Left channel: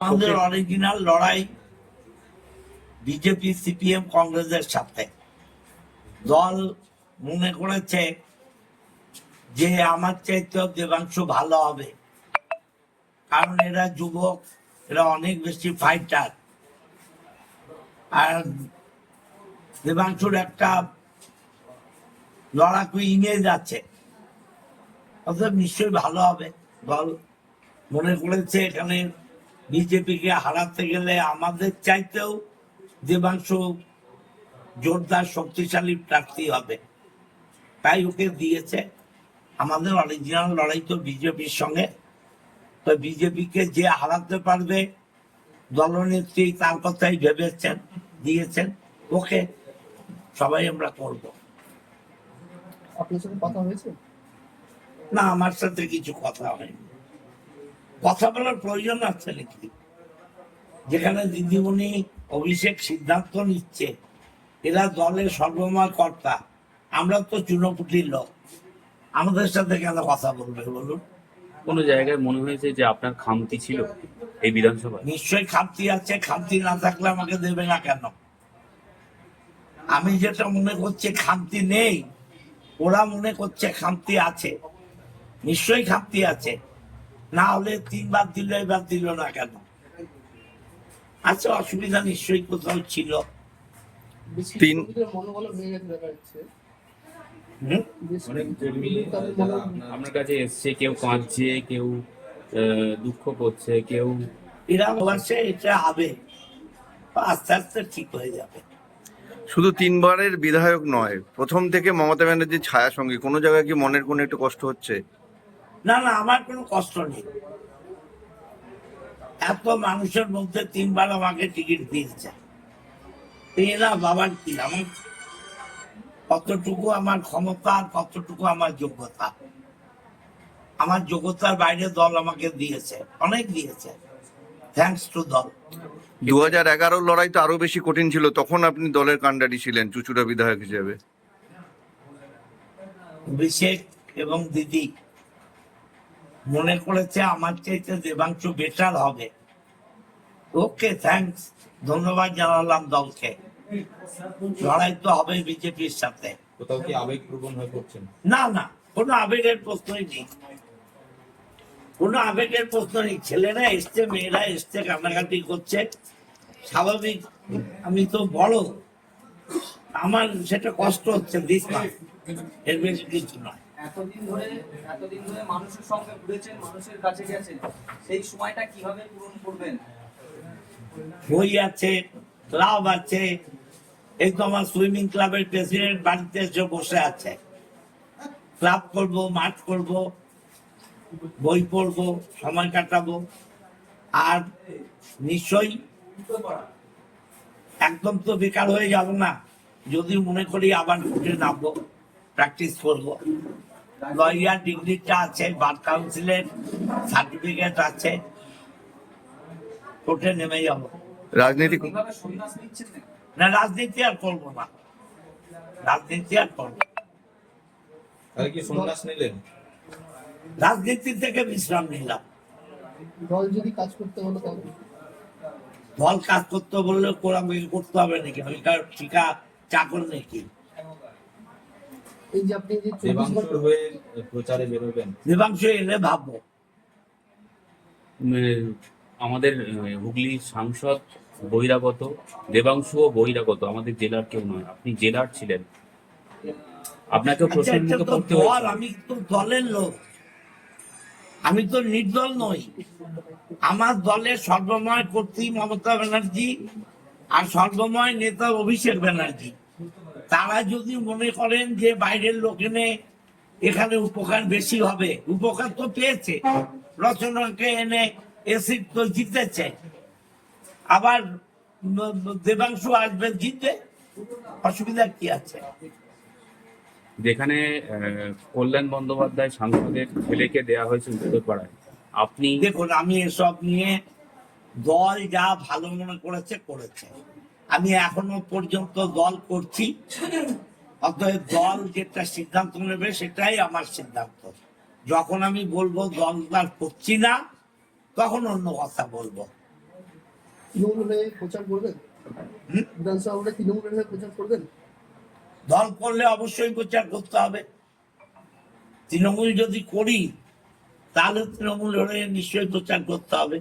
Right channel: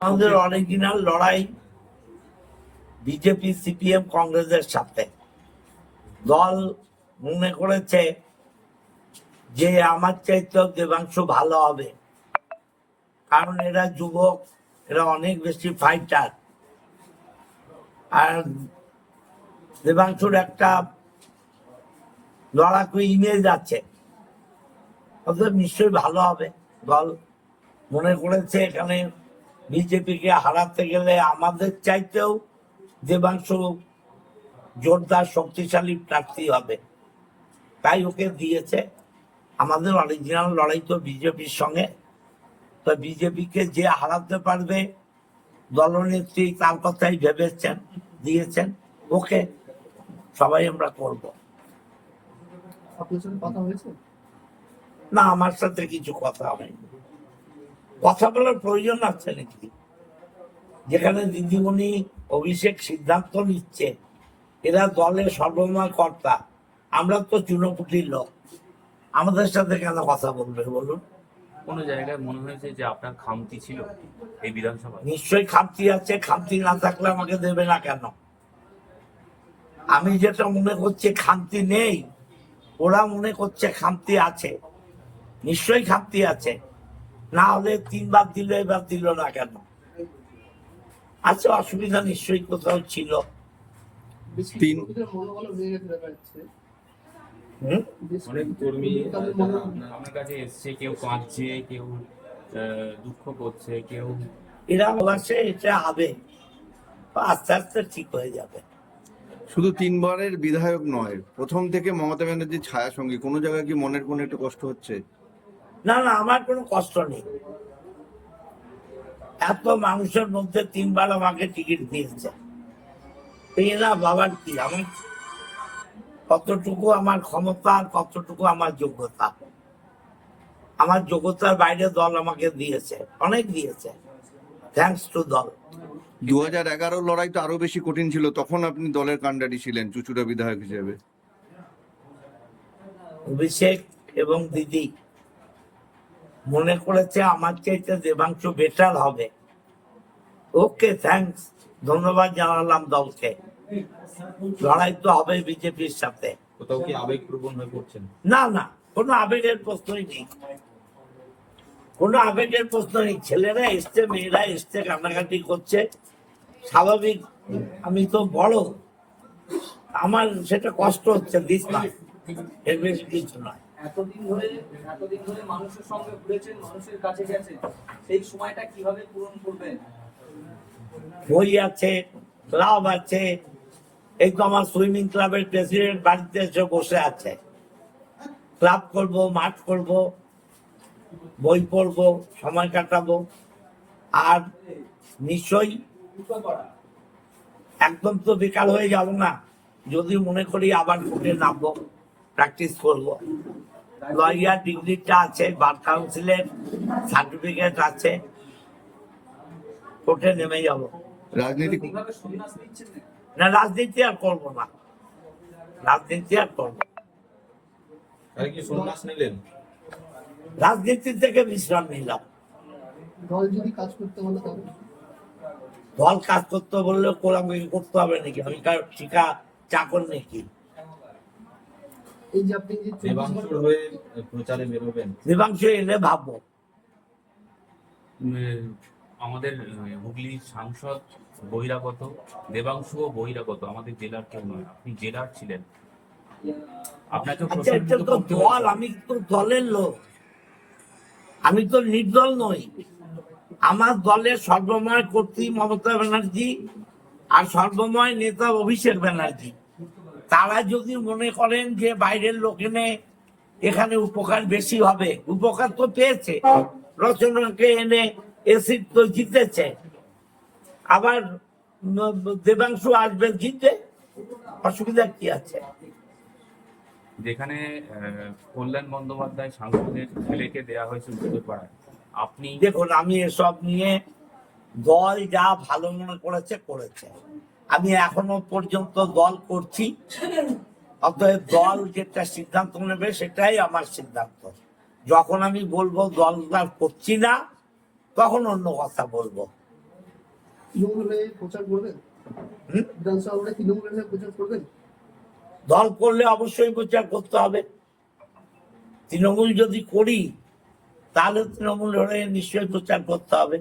আমাদের অরিজিনাল লড়াই BJP CPM কংগ্রেসের সাথে। দল মনে করেছে যে আমার চাইতেও দেবাংশু ভালো হবে, কারণ এরা যুবক, এরা অনেক বেশি ফাইটার, আর দেবাংশুর একটা লড়াকু ইমেজ আছে, অতএব নিশ্চয়ই ভালো হবে। দল মনে করেছে এখানে বিজেপিকে হারাতে গেলে আমাদের চাইতেও দেবাংশু জোরদার শক্তিশালী প্রার্থী হবে, তাই ওকে দিয়েছে। আমাদের অরিজিনাল লড়াই তো বিজেপির সঙ্গে, তো বিজেপিকে যে হারাতে পারবে দলনেত্রী তার কথাই ভেবেছেন, দিয়েছেন ওকে, সবাই আমরা করব। না, আমার সাথে কিছু কথা হয়নি। কথা বলার প্রয়োজন আছে নাকি? যেখানে দিদিমণি অভিষেক সিদ্ধান্ত নিচ্ছে, এরা দলের সর্বময় কর্তা, আমরা তো চুনোপুটির লোক, আমাদের সাথে কেন কথা বলবে বলুন? কোনো জায়গায় মনে হয়েছে যে আপনার খামতি ছিল এই বিধানসভায়? নিশ্চয়ই খামতি আছে, খামতি না থাকলে আমাকে দেবে না কেন? আমি যেটা মনে করছি খামতি নেই, ওরা মনে করছে খামতি আছে। নিশ্চয়ই খামতি আছে, না হলে 3 বার দিল, এবার দিল না কেন? আচ্ছা, অসুবিধা নিশ্চয়ই কোথাও ছিল। অনেক কর্মী আপনার কাছে এসছে, কেউ কাঁদছে, কেউ দুঃখ করছে, কেউ এরা বলছে এটা হবে, আস্তে আস্তে ঠিক হয়ে যাবে। শুধু 3বারের বিধায়ক নয়, প্রথম থেকে মমতা ব্যানার্জির ছায়া সঙ্গে কোনো জায়গায় কি মনের কোনো একটু কষ্ট হচ্ছে? না না, আমার কোনো কষ্ট নেই। এত মানুষের মধ্যে 3 বার আমাকে টিকিট দিয়েছে, এই না বাবার কি, আমার কতটুকু আমার ক্ষমতা আর কতটুকু আমার যোগ্যতা। আমার যোগ্যতার বাইরে দল আমাকে দিয়েছে, অনেক দিয়েছে, থ্যাঙ্কস টু দল। 2011 লড়াই তো আরো বেশি কঠিন ছিল, তখন আপনি দলের কাণ্ডারি ছিলেন চুঁচুড়া বিধায়ক হিসেবে। অভিষেক এবং দিদি মনে করেছে আমার চাইতে দেবাংশু বেটার হবে। ওকে, থ্যাঙ্কস, ধন্যবাদ জানালাম দলকে। লড়াই তো হবে বিজেপির সাথে। কোথাও কি আবেগপ্রবণ হয়ে পড়ছেন? না না, কোনো আবেগের প্রশ্নই নেই, কোনো আবেগের প্রশ্ন নেই। ছেলেরা এসছে, মেয়েরা এসছে, কান্নাকাটি করছে, স্বাভাবিক। আমি তো বড়, আমার সেটা কষ্ট হচ্ছে, দিস না, এর বেশ কিছু নয়। এতদিন ধরে মানুষের সঙ্গে ঘুরেছেন, মানুষের কাছে গেছেন, সেই সময়টা কিভাবে পূরণ করবেন? বই আছে, ক্লাব আছে, এই তো আমার সুইমিং ক্লাবের প্রেসিডেন্ট বাড়িতে এসে বসে আছে। ক্লাব করব, মাঠ করব, বই পড়বো, সময় কাটাবো, আর নিশ্চয়ই একদম তো বেকার হয়ে যাব না। যদি মনে করি আবার ফুটে নামবো, প্র্যাকটিস করব। লয়ার ডিগ্রিটা আছে, বার কাউন্সিলের সার্টিফিকেট আছে, কোর্টে নেমে যাব। রাজনীতি কিভাবে সন্ন্যাস নিচ্ছেন না? না, রাজনীতি আর করবো না, রাজনীতি আর করবো। তাহলে কি সন্ন্যাস নিলেন? রাজনীতি থেকে বিশ্রাম নিলাম। দল যদি কাজ করতে হলো তবে দল কাজ করতে বললে আমাকে করতে হবে নাকি? আমি কার ঠিকা চাকর নাকি? এই যে আপনি যে 24 দেবাংশ হয়ে প্রচারে বেরোবেন? দেবাংশু এলে ভাববো। আমাদের হুগলির সাংসদ বহিরাগত, দেবাংশুও বহিরাগত, আমাদের জেলার কেউ নয়, আপনি জেলার ছিলেন, আপনাকে আচ্ছা, প্রশ্ন এটা তো করতে দল, হয়েছে। আমি তো দলের লোক, আমি তো নির্দল নই। আমার দলের সর্বময় কর্ত্রী মমতা ব্যানার্জি আর সর্বময় নেতা অভিষেক ব্যানার্জি। তারা যদি মনে করেন যে বাইরের লোক এনে এখানে উপকার বেশি হবে, উপকার তো পেয়েছে। রচনাকে এনে এসিড তো জিতেছে, আবার দেবাংশু আসবে, জিতবে, অসুবিধা কি আছে? যেখানে কল্যাণ বন্দ্যোপাধ্যায় সাংসদের ছেলেকে দেওয়া হয়েছে উত্তরপাড়ায়, আপনি দেখুন, আমি এসব নিয়ে দল যা ভালো মনে করেছে করেছে, আমি এখনো পর্যন্ত দল করছি। অতএব দল যেটা সিদ্ধান্ত নেবে সেটাই আমার সিদ্ধান্ত। যখন আমি বলবো দল আর করছি না, তখন অন্য কথা বলবো। তৃণমূল হয়ে প্রচার করবেন? হুম? বিধানসভা হলে তৃণমূলের হয়ে প্রচার করবেন? দল করলে অবশ্যই প্রচার করতে হবে। তৃণমূল যদি করি তাহলে তৃণমূল হয়ে নিশ্চয়ই প্রচার করতে হবে।